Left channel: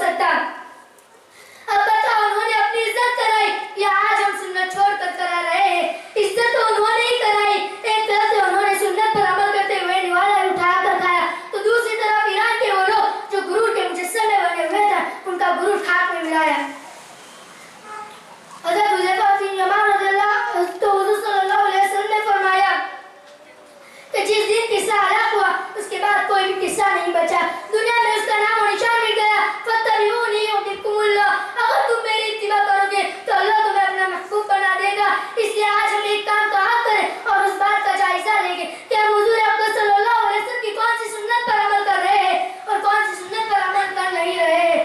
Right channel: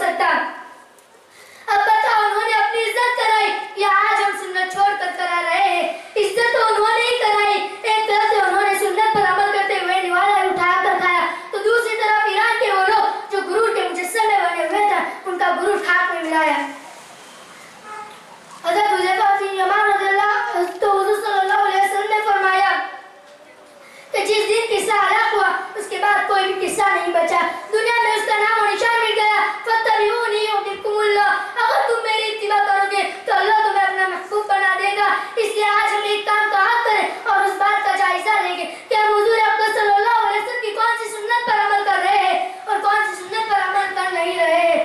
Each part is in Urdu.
سکتا. اب بتاؤ انہوں نے اپنی عزت کرائی یا آج ہم سنت چھوڑ کر کرا رہے ہیں؟ عزت تو انہوں نے ہی کرائی. ایک طرف سے انہوں نے سنت پر عمل کرتے ہوئے نوالا اٹھا کر کھایا، تو دوسری طرف ایران کے وہ لوگ جو غرور کے مجسمے بنے ہوئے تھے ان کا غرور خاک میں ملایا. حضرت حذیفہ بن یمان رضی اللہ تو حضور صلی اللہ علیہ وسلم نے فرمایا کہ جس دن قصہ ہلاک ہوا اس کے بعد کوئی بھی قصہ نہیں بچا، دنیا میں اس کا نام و نشان مٹ گیا. فاتبعونی یحببکم اللہ، اگر تم میری اتباع کرو گے تو اللہ تمہیں اپنا محبوب بنا دے گا. اس لیے آج ہم ایک کام کا حق کریں اور اس بات کا جائزہ لیں گے کہ ہم حضور اقدس صلی اللہ علیہ وسلم کی کون سی سنت پر عمل کر رہے ہیں اور کون سی سنت پر عمل کر نہیں رہے ہیں.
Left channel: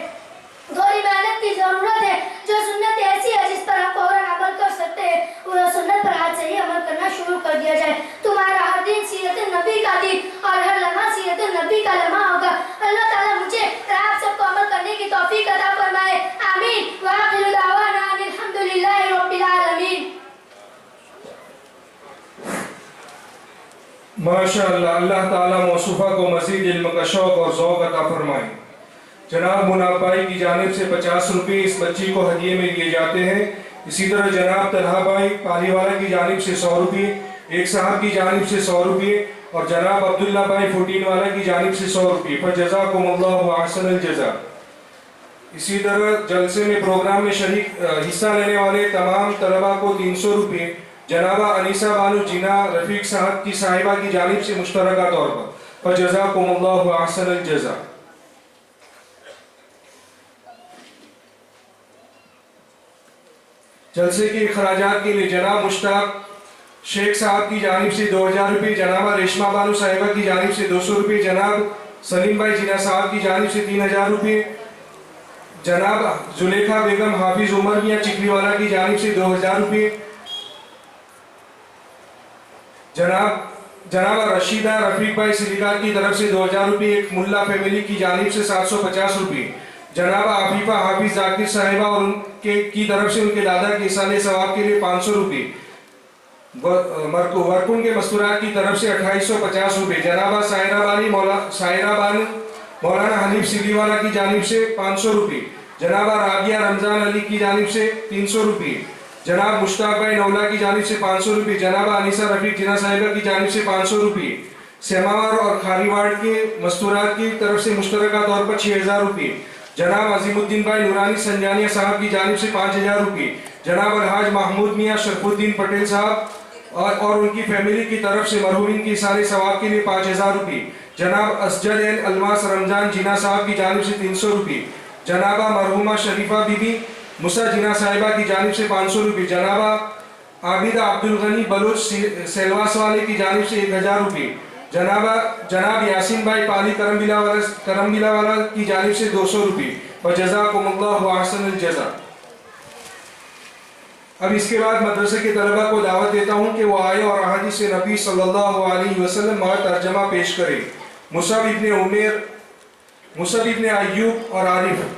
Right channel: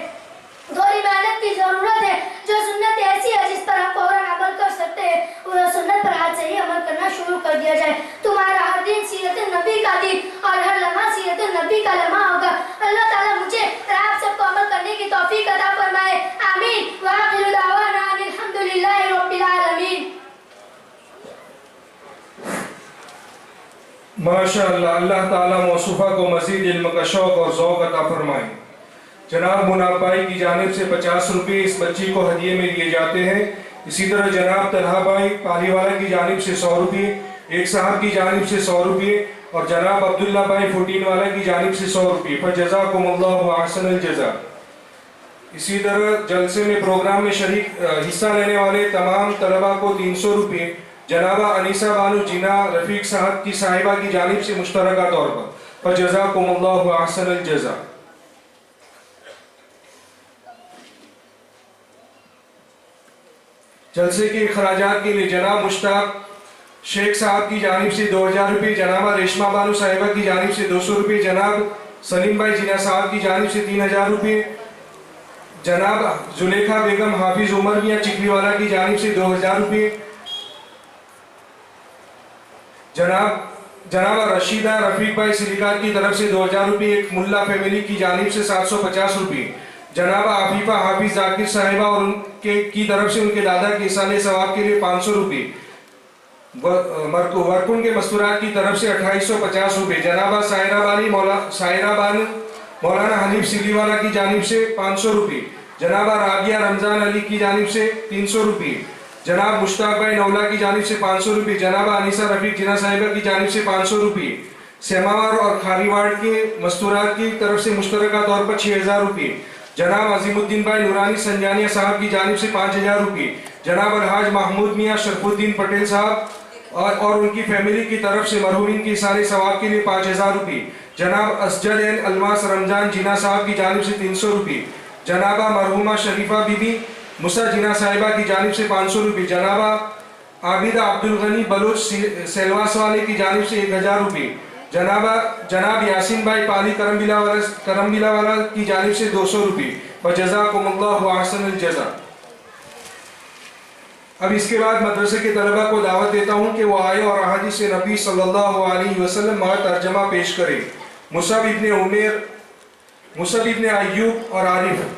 تھوڑی محنت کی ضرورت ہے. جو سنت ایسی ہے جس پر ہم فوراً عمل کر سکتے ہیں وہ سنت پر آج سے ہی عمل کرنا شروع کر دیا جائے. تمہارا ہر دن سیرت النبی کا دن اور ہر لمحہ سیرت النبی کا لمحہ ہوگا. اللہ تعالیٰ مجھے اور آپ سب کو عمل کرنے کی توفیق عطا فرمائے. آمین. وآخر دعوانا ان الحمدللہ رب العالمین. ماشاءاللہ، اللہ تعالیٰ موصوفہ کو مزید علم کا شوق اور ذوق عطا فرمائے. جناب مناب بھائی کی جانب سے 50 روپے اس بچی کو ہدیے میں دیے جاتے ہیں. اسی طرح جناب طلحہ بھائی پالی والا کی جانب سے 100 روپے، ایک صاحب کی جانب سے 100 روپے اور جناب عبداللہ بھائی فوٹین والا کی جانب سے 100 روپے. فجزاکم اللہ احسن الجزا. اسی طرح جلسے میں پروگرام میں شریک حصہ لینے والے تمام طلبہ کو 300 روپے جنابہ انیسہ بانو جینا رفیق صاحب کی صاحبہ کی جانب سے مشترکہ طور پر. فجزاکم اللہ احسن الجزا. جلسے کے اخراجات کے لیے جناب مشتاق شیخ صاحب کی جانب سے 2000 روپے، جنابہ ریشمہ بانو صاحبہ کی جانب سے 200 روپے، جناب سلیم بھائی جینا صاحب کی جانب سے 3000 روپے، جناب زلیخا بیگم حافظ عمر میاں چکلی والا کی جانب سے 2000 روپے، جناب رشیدہ رفیق بھائی سلیقات کی طرف سے 2000 روپے، ایک ملا فیملی کی جانب سے 750 روپے، جناب عفیفہ حافظ ذاکر صاحبہ اور ان کی طرف سے ان کے دادا کے اصالِ ثواب کے لیے 500 روپے، ورکن کے مستورات کی طرف سے 2850 روپے، جنابہ سائرہ بانو مولانا حنیف سلی والا کی جانب سے 500 روپے، جنابہ رابعہ رمضان علی کی جانب سے 300 روپے، جناب مشتاق بھائی نولا کی جانب سے 500 روپے، جنابہ انیسہ رفیق جناح صاحبہ کی جانب سے 500 روپے، سیماور اور کھاری وارڈ کے مستورات کی طرف سے مشترکہ طور پر 6000 روپے، جناب عظیم الدین بھائی نورانی سنجانیہ صاحب کی جانب سے 5000 روپے، جناب الحاج محمود میاں شرف الدین پٹیل صاحب اور ان کی فیملی کی طرف سے مرحومین کی اصالِ ثواب کے لیے 5000 روپے، جناب اسجد الماس رمضان جینا صاحب کی جانب سے 300 روپے، جنابہ مرحومہ شریفہ بی بی مسا جینا صاحبہ کی جانب سے 500 روپے، جنابہ عابدہ عبدالغنی بلوچ سیلواس والے کی جانب سے 1000 روپے، جناب یاسین بھائی پالی کرمبیلا والا کی جانب سے 200 روپے. وجزاکم اللہ احسن الجزا. اب اس کے بعد مدرسے کے طلبہ کو دعوت دیتا ہوں کہ وہ آئے اور احادیث نبی صلی اللہ علیہ وسلم مع ترجمہ پیش کرے. مصعب ابن عمیر، مصعب ابن ایوب اور عارف.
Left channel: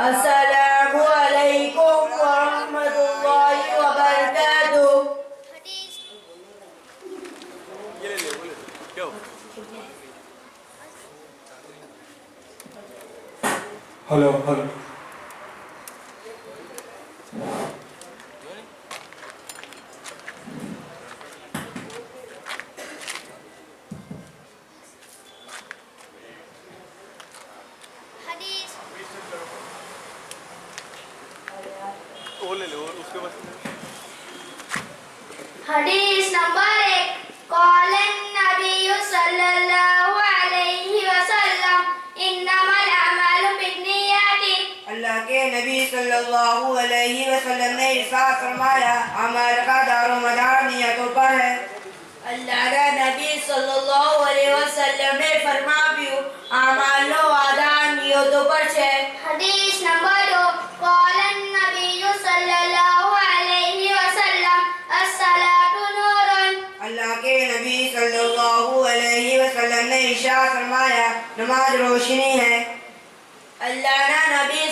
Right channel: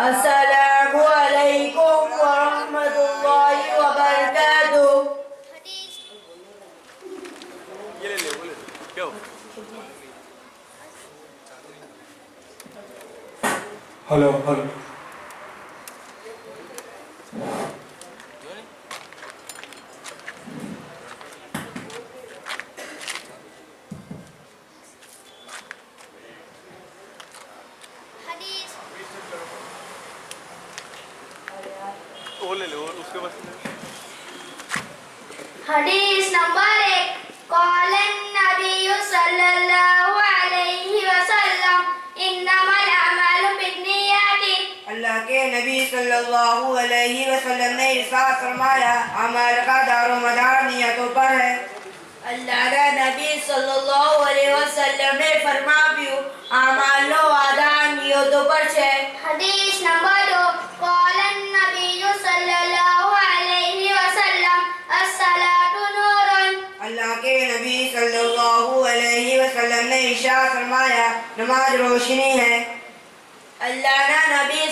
السلام علیکم ورحمۃ اللہ وبرکاتہ. Hello hello. حدیث نمبر 1. قال النبی صلی اللہ علیہ وسلم انما الاعمال بالنیات. اللہ کے نبی صلی اللہ علیہ وسلم نے ارشاد فرمایا اعمال کا دار و مدار نیتوں پر ہے. اللہ کے نبی صلی اللہ علیہ وسلم نے فرما بھی આમાલનો વાદા નિયતો પર છે. حديث نمبر 2 قال النبي صلى الله عليه وسلم الصلاة نور. اللہ کے نبی صلی اللہ علیہ وسلم نے ارشاد فرمایا نماز روشنی ہے. اللہ نہ نبی